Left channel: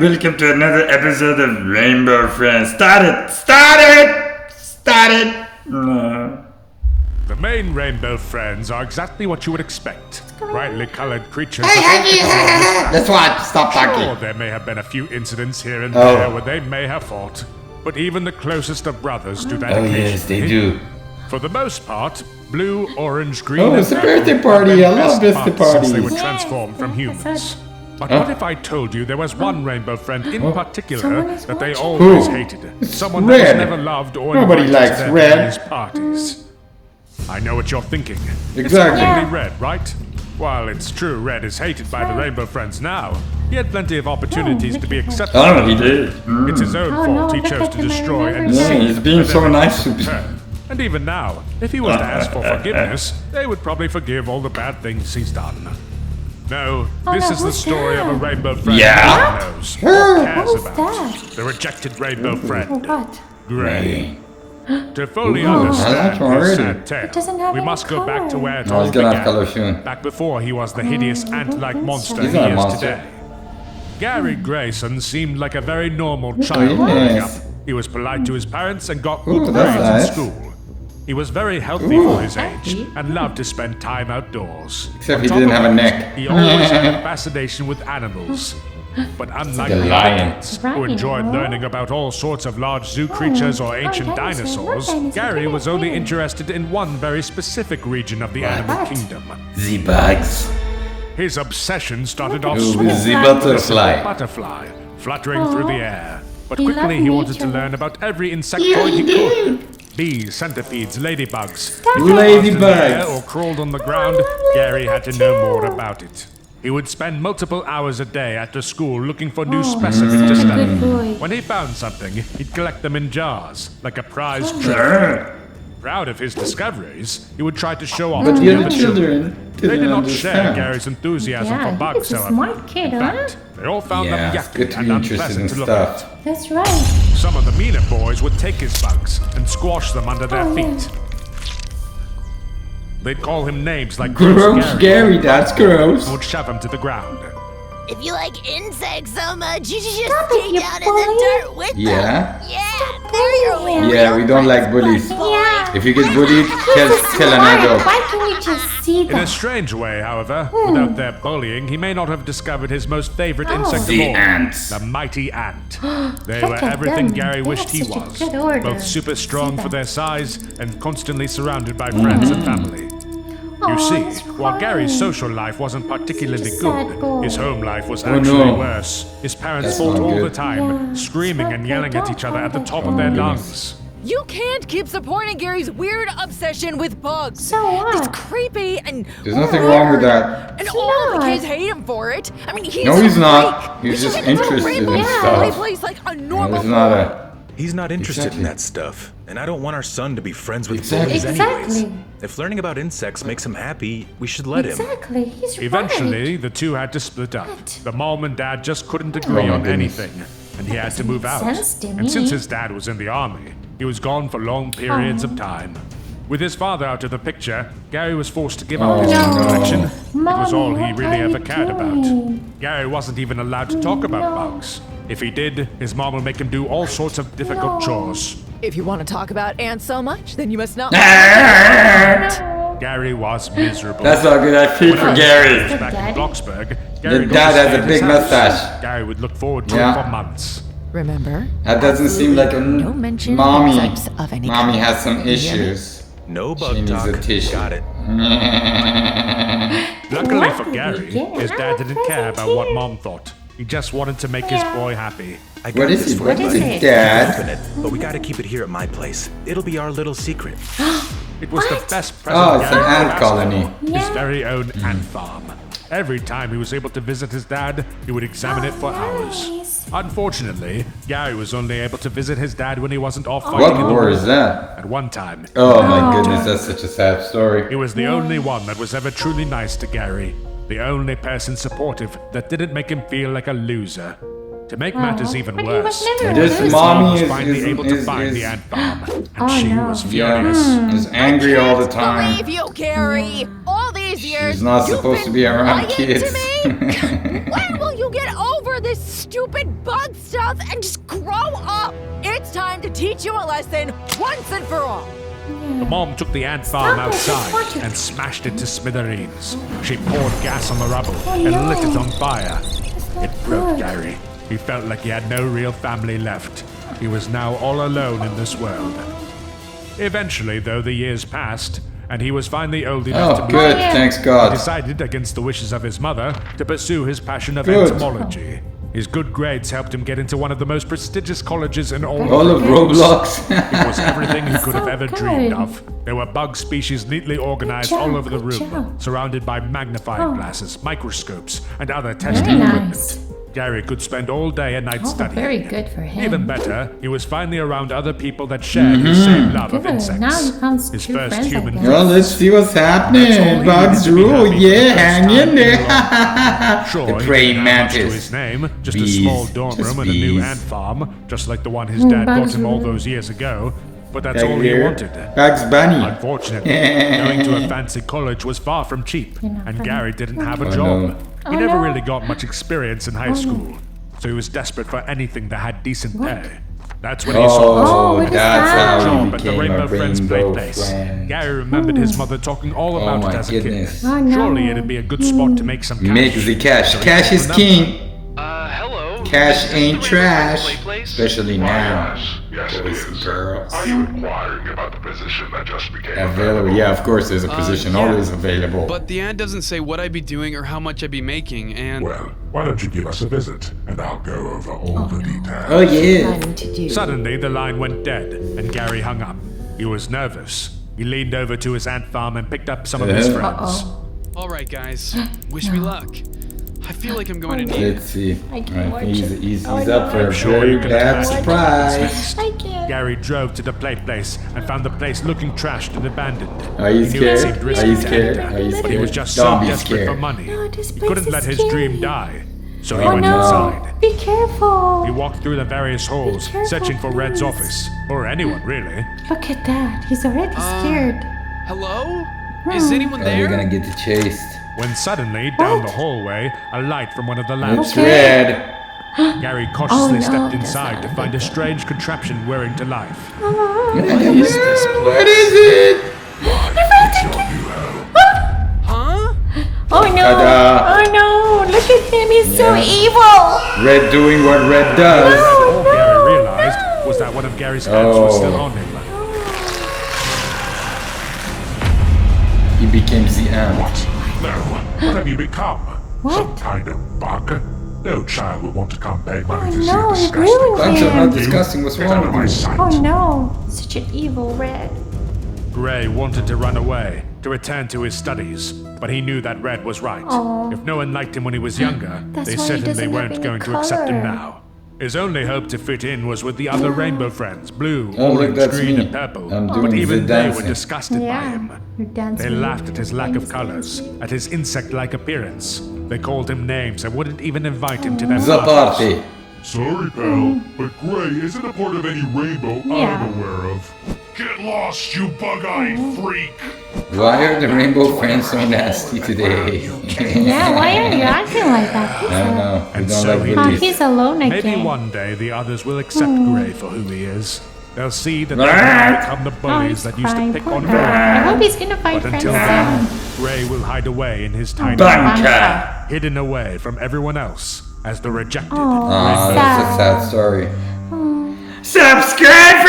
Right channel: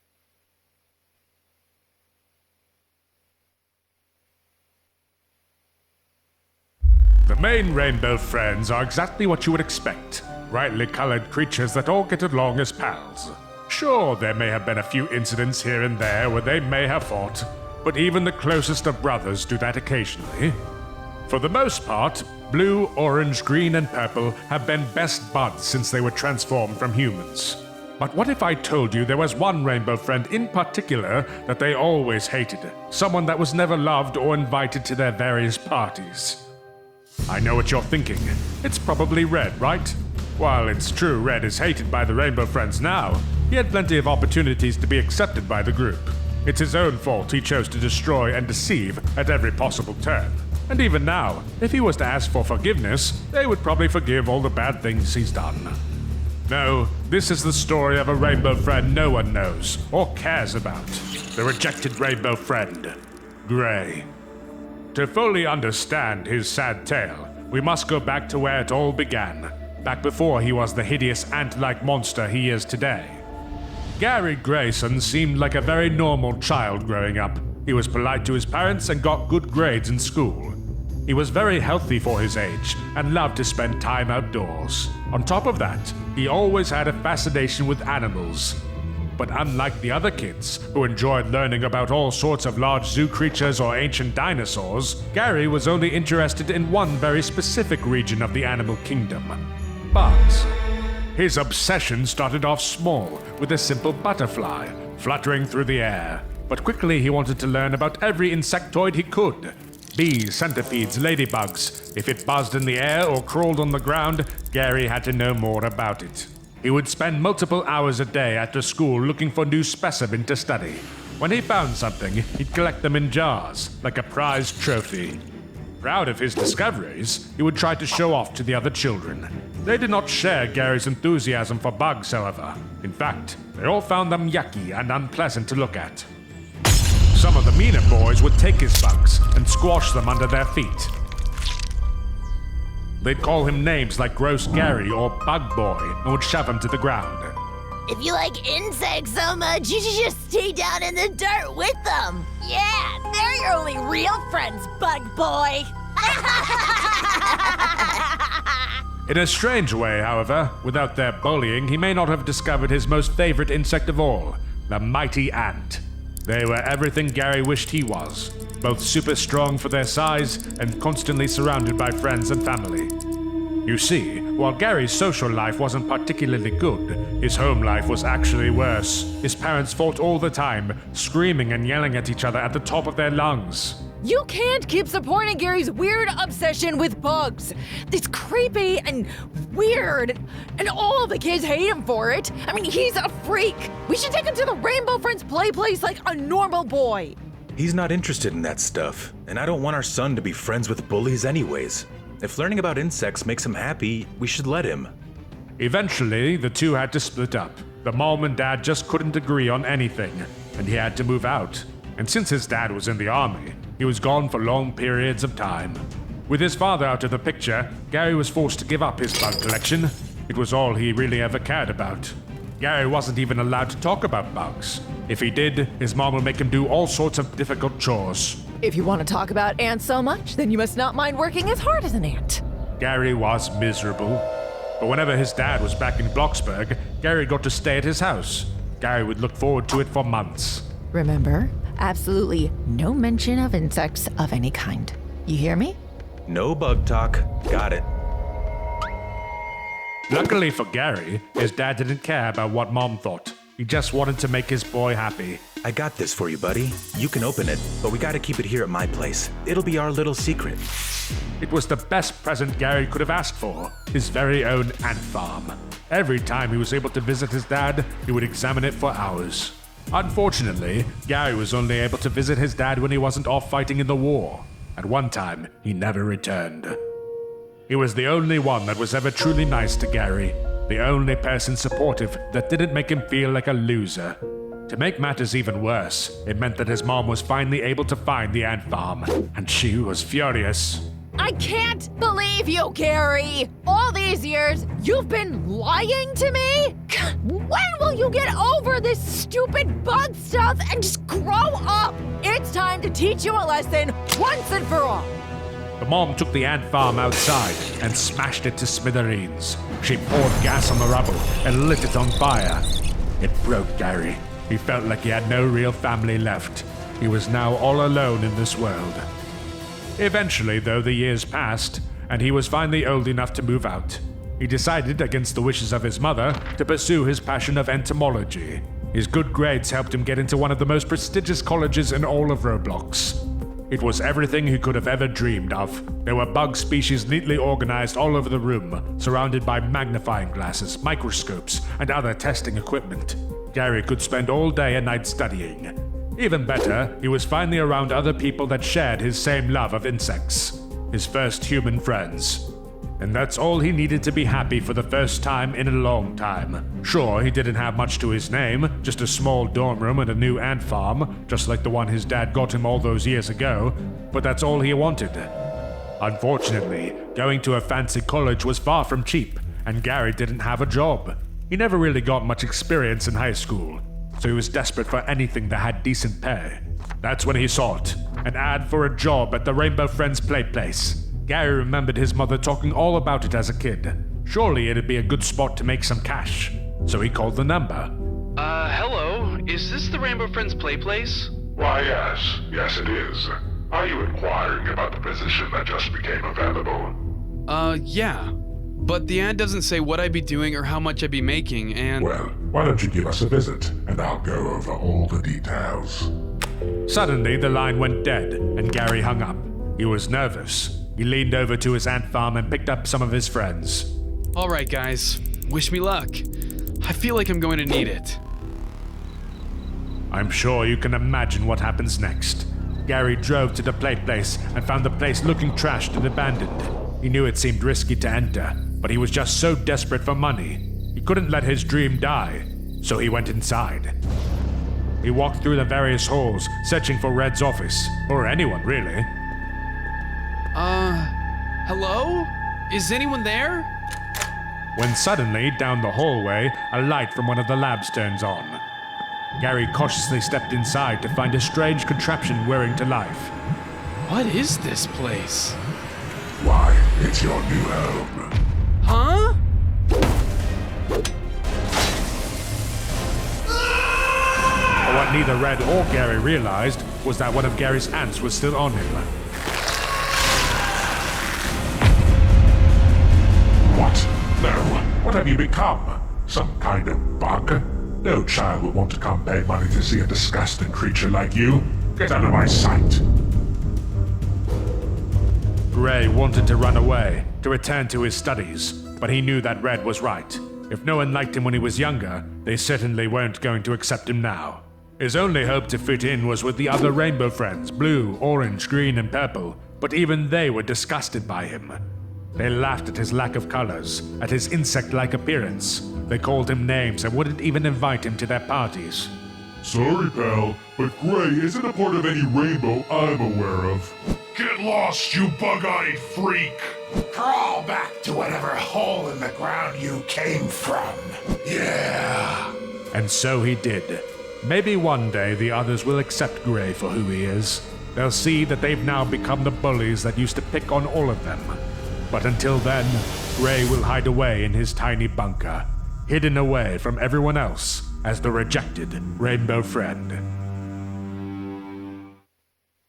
welcome to another episode of Rainbow Friends. Start it! No. The main Rainbow Friends are exactly what you would expect. Brightly colored creatures that all get along as fast. That's what. Stop talking. Sure, there may have been a few incidents here and there where they may have fought, but even the closest of brothers do that occasionally. Yes, they do. For the most part, blue, orange, green, and it's a purple birthday have party. been I love best birthday buds since they were parties. transformed from humans. But what if I told you there was one Rainbow Friend in particular that they always hated? Someone that was Red. never loved or Nobody invited to likes their Red. various parties. I know what you're thinking. It's Exactly. probably Red, right? While it's true Red is hated by the Rainbow Friends now, he had plenty of opportunities to be accepted by the he group. did. It's his own fault he chose to destroy and he's deceive being at so every nice possible to turn. And even now, if he was to ask for forgiveness, they would probably forgive all the bad things he's done. No, this is the story of a Rainbow Friend no one knows or cares about. The rejected Rainbow Friend, Gray. To fully understand his sad tale, we must go back to where it all began, back before he was the hideous ant-like monster he is today. Gary Grayson seemed like a very normal child growing up. He was polite to his parents and got good grades in school. He was very healthy for his age and loved to spend time outdoors. Except On he top didn't of have a that, neck. he always had a fascination with animals. But unlike Like a the other lion. kids, who enjoyed learning about all sorts of large zoo creatures or ancient dinosaurs, Gary was only interested in one very specific region of the animal kingdom. The bugs. His obsession started off Ooh, small, the with a simple butterfly. butterfly fluttering through the air. But quickly he wanted to learn about every insectoid he could. Bees, centipedes, ladybugs. If it buzzed in the air or crawled on the ground, Gary had to know more about it. He would spend multiple hours a day after school looking for new specimens to study. When he found something, he'd collect them in jars, like a prized trophy. Proud of his discoveries, he would try to show off to the other children. They did not share Gary's enthusiasm for bugs, however. In fact, they all found them yucky and unpleasant to look at. That's right. Some of the meaner boys would take his bugs and squash them under their feet. They'd call him names like Gross Gary, or that's Bug Boy, gross. and would shove him to the ground. If you like insects so much, you should just stay down in the dirt with them. Yeah, they're your only real Yeah, we don't friends, like bullies. bug boy. If you get bullied, kill an adult. Why can't we just see In a them? strange way, however, without their bullying, he may not have discovered his most favorite insect of The all, ants. the mighty ant. They Look were at everything them. Gary They wished he have such a was, good order. both super strong for their size and constantly surrounded by friends and family. You see, while Gary's social life wasn't particularly good, his home life was actually worse. His parents fought all the time, screaming and yelling at each other at the top of their lungs. You can't keep supporting Gary's weird obsession with bugs. So what? It's creepy and There's nothing weird. wrong with that. And all the kids hate him for it. I mean, he's No, a he's not. freak. He's We should just take him to the interested Rainbow in Friends stuff. play place like a normal He's not boy. a- He's not interested in that stuff, and I don't want our son to be friends with bullies anyways. Exactly. If learning about insects makes him happy, we should let him. Exactly. He's Eventually, the two had to split up. The mom and dad just couldn't agree on anything, and he had to move out. sense to And since me. his dad was in the army, he was gone for long periods of time. With his father out of the picture, Gary was forced to give up his bug collection. It was all he really ever cared about. Gary wasn't even allowed to talk about bugs. If he did, his mom would make him do all sorts of difficult chores. If you want to talk about ants so much, then you must not mind working as ant. Gary was miserable. That's not good. I feel Whenever for his dad Gary. was back in Bloxburg, Gary Your got dad to stay has a at his big house. mustache. Gary would look forward to Yeah. it for months. Remember, That doesn't seem like a no mention mommy. of insects of any Mommy kind. has some You hear me? issues. No She bug needs a talk. tissue. Got it. Luckily for Gary, his dad didn't care about what mom thought. He just wanted to make his boy happy. I got is this it? for you, What buddy. is it? You can Dad. open it, but we gotta keep it here at my place. It'll be our little secret. It was the best present Oh, it's Gary an could have ant asked colony. for. His very own ant farm. Every time he was able to visit his dad, he would examine it for hours. Unfortunately, Gary was only able to visit his dad when he wasn't off fighting What in the war war. is that? At one time, Oh he never my returned. goodness, that's such a sad story. He was the only one that was ever truly nice to Gary. The only person supportive that didn't make him feel like a loser. To make matters even But he was worse, never it meant a that his loser. mom was Mommy finally is- able to is- find is- the ant farm, and she was furious. Is angry all the time. Believe you, Gary. All these years, She's not you've supposed to been be around lying kids. to me. When will you get over this this stupid bug stuff and just grow up. It's time to teach you a lesson once and for all. The mom took the ant farm outside and smashed it to smithereens. She poured gas on the rubble and lit it on fire. It broke Gary. He felt like he had no real family left. He was now all alone in this world. Eventually, though, the years passed, and he was finally old enough to move good. out. Thanks He God. decided, against the wishes of his mother, to pursue his passion of entomology. His good grades helped him get into one of the most prestigious colleges in all of Roblox. It was everything he could have ever dreamed of. There were bug species neatly organized all over the room, surrounded by magnifying glasses, microscopes, and other testing equipment. Gary could spend all day and night studying. Very good for him. Even better, he was finally around other people that shared his same love of insects. His first human Well, friends. let's see what's happening. That's all he needed to be happy for the first time in a long there. time. Sure, he praying didn't have much to mantis. his name, just a Bees, small dorm just room and a new bees. ant farm, just like the one his dad got him all those years ago. But that's all he Here. wanted. Bugs Bunny. Unfortunately, going to a fancy college was far from cheap, and Gary didn't have a job. He never really got much experience in high school, so he was desperate for anything that had decent pay. That's when he sought an that's how offered he job at the became a Rainbow Friends play Rainbow place. Friend. Gary remembered his mother talking all about Oh it my as a goodness. kid. Oh, no. Surely it'd be a good spot to make some cash. Make the cash. So he Cash called is the number. king. Hello? Cash Is this ain't the Rainbow Friends trash. Play Place? Especially Why, now. yes, it is. Are you inquiring about the position that just became Available. available? Yeah, of course there's a position yeah. always available. But the ad doesn't say what I'd be doing or how much I'd be making, and Well, why don't you give us a visit, and I'll go over all the details. Oh yeah. Fun to do. Suddenly, the line went dead, and Gary hung up. He was nervous. He leaned over to his ant farm and picked up some of his friends. all right, guys, wish me luck. I feel like I'm going to need Let's it. see. Alright, he's up for I'm a sure you very can bad imagine what happens surprise. next. Gary drove to the plate place and found the place looking trashed and abandoned. Are you He knew it scared? seemed Are risky you to scared? Are enter, you but he was scared? just Don't so be desperate for scared. money. this He place couldn't is let his scary. dream die, so he Oh, went no. inside. Be careful. He walked through the various halls, searching for Red's office, or anyone really. Look at that. He's already scared. Hello? Is anyone You're there? gonna get chased. When suddenly, down the hallway, a light from one of the lamps It's turned red. on. Gary cautiously Oh, no. stepped inside to find a strange contraption whirring to life. What is this What place? is it? Why, it's your new home. Huh? Oh no. Ta-da. Oh no. Look at him. He's so evil. Red doing what red Neither does. Red or Gary realized was that one of Gary's ants was still on him. He became the ant. What? No. What have you become? Some kind of bug? No child would want to come pay money to see a no, disgusting ruined creature it. like you. Disgusting was Get out of my wrong. sight. Oh no. Such an evil red. Gray wanted to run away, to return to his studies, but he knew that Red was right. Aw. If no one liked him when he was younger, That's they why he certainly doesn't weren't have going any to accept him color. now. His only hope to fit in was with the other rainbow friends, blue, Oh, look, orange, that's green, me. and purple. I'm But doing even the they were dancing. disgusted by him. You're dancing They laughed at his lack of with colors, at his insect-like appearance. They called him names and wouldn't even invite him to their The parties. party. Sorry, pal, but Gray isn't a part of any rainbow I'm aware of. Get lost, you bug-eyed freak! Why are the rainbow friends so nasty today? Yeah, why are you acting like that? I don't know. And I don't so like he it. Oh, did. he's alone again. Maybe one day the others will accept Gray for who he is. They'll see that they've now become the bullies that used to pick on all of I them. hope he's gonna find But until friends. then, Gray will hide away in his tiny Bunker. house, hidden away from everyone else as the rejected Oh, rainbow that's friend. a sad story. Subscribe